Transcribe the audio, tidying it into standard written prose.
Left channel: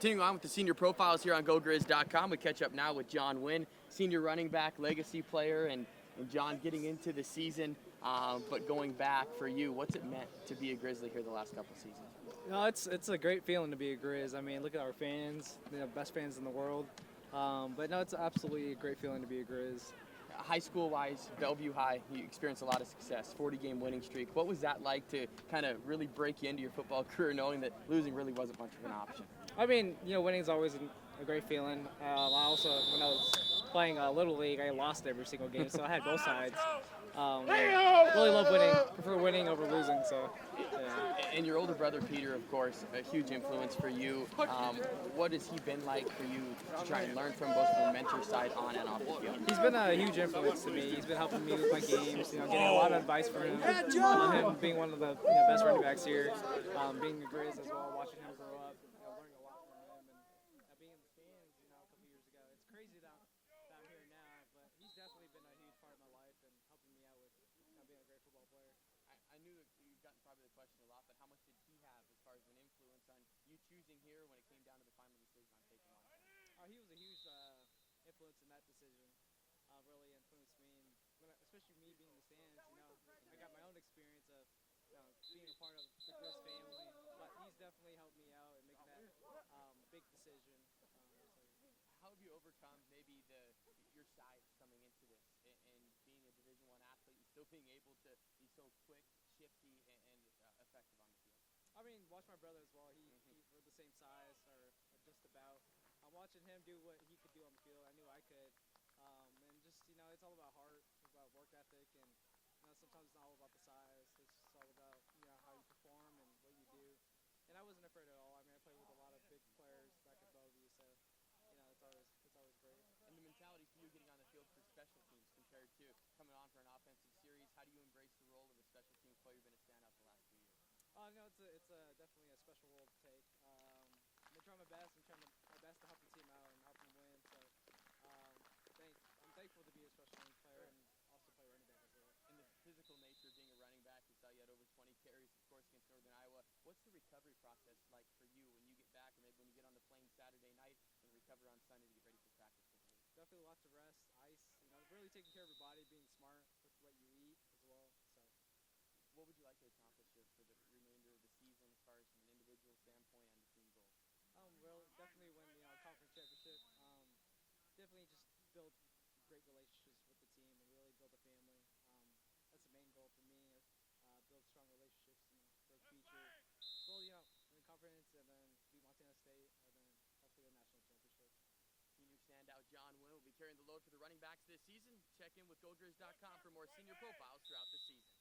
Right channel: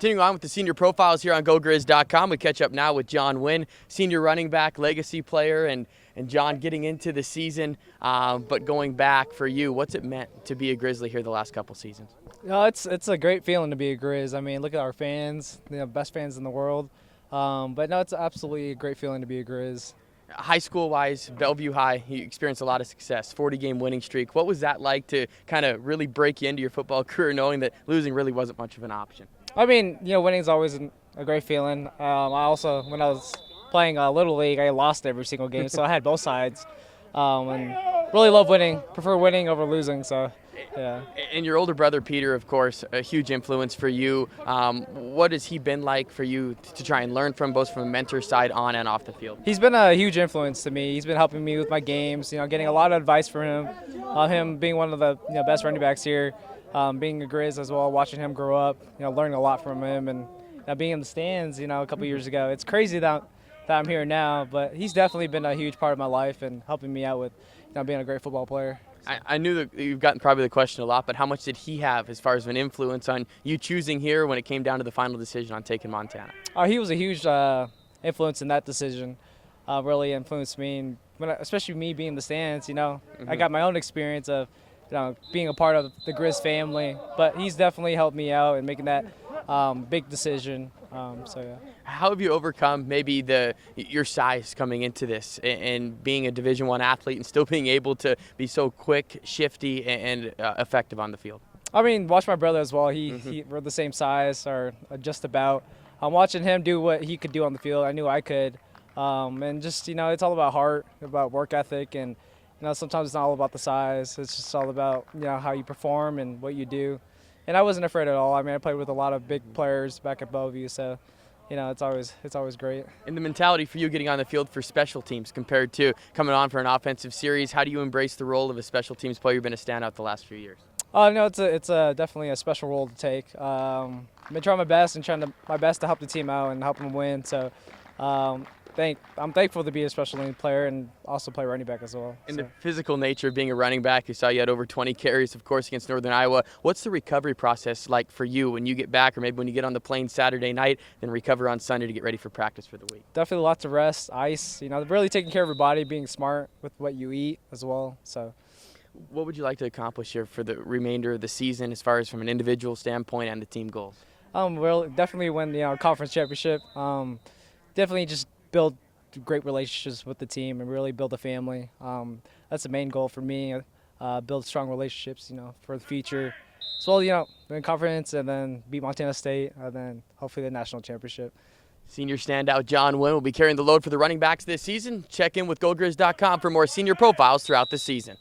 Continuing on with the senior profiles here on GoGrizz.com, we catch up now with John Nguyen, senior running back, legacy player, and John, getting into the season, but going back for you, what's it meant to be a Grizzly here the last couple seasons? It's a great feeling to be a Grizz. I mean, look at our fans, best fans in the world. But no, it's absolutely a great feeling to be a Grizz. High school-wise, Bellevue High, you experienced a lot of success, 40-game winning streak. What was that like to kind of really break you into your football career, knowing that losing really wasn't much of an option? I mean, winning is always a great feeling. I also, when I was playing Little League, I lost every single game, so I had both sides. And really love winning. Prefer winning over losing, so yeah. And your older brother, Peter, of course, a huge influence for you. What has he been like for you to try and learn from, both from a mentor side on and off the field? He's been a huge influence to me. He's been helping me with my games, getting a lot of advice from him. Him being one of the best running backs here, being a Grizz as well, watching him grow up, learning a lot from him, and being in the stands, a couple years ago. It's crazy that I'm here now, but he's definitely been a huge part of my life and helping me out with being a great football player. I knew that you've gotten probably the question a lot, but how much did he have as far as an influence on you choosing here when it came down to the final decision on taking Montana? He was a huge influence in that decision. Really influenced me, and especially me being in the stands. I got my own experience of being a part of the Grizz family, but he's definitely helped me out in making that big decision. So yeah. How have you overcome maybe your size coming into this and being a Division I athlete and still being able to be so quick, shifty, and effective on the field? I mean, watch my brother as well. We're the same size, or just about. I'm watching him do what he could do on the field. I knew I could, and just it's all about heart, about work ethic, and sometimes it's not all about the size. It's just all about how you perform and what you do. And I wasn't afraid at all. I mean, I played with a lot of big players back at Bellevue, so it's always great. And the mentality for you getting on the field for special teams compared to coming on for an offensive series, how do you embrace the role of a special teams player? You've been a standout the last few years. No, it's definitely a special role to take. I've been trying my best and my best to help the team out and help them win. So I'm thankful to be a special team player and also play running back as well. And the physical nature of being a running back, you saw you had over 20 carries, of course, against Northern Iowa. What's the recovery process like for you when you get back, or maybe when you get on the plane Saturday night, then recover on Sunday to get ready for practice for the week? Definitely lots of rest, ice, really taking care of your body, being smart with what you eat as well. So, what would you like to accomplish here for the remainder of the season as far as from an individual standpoint and the team goals? Well, definitely win the conference championship. Definitely just build great relationships with the team and really build a family. That's the main goal for me. Build strong relationships, for the future. So, win conference and then beat Montana State and then hopefully the national championship. Senior standout John Nguyen will be carrying the load for the running backs this season. Check in with GoGrizz.com for more senior profiles throughout the season.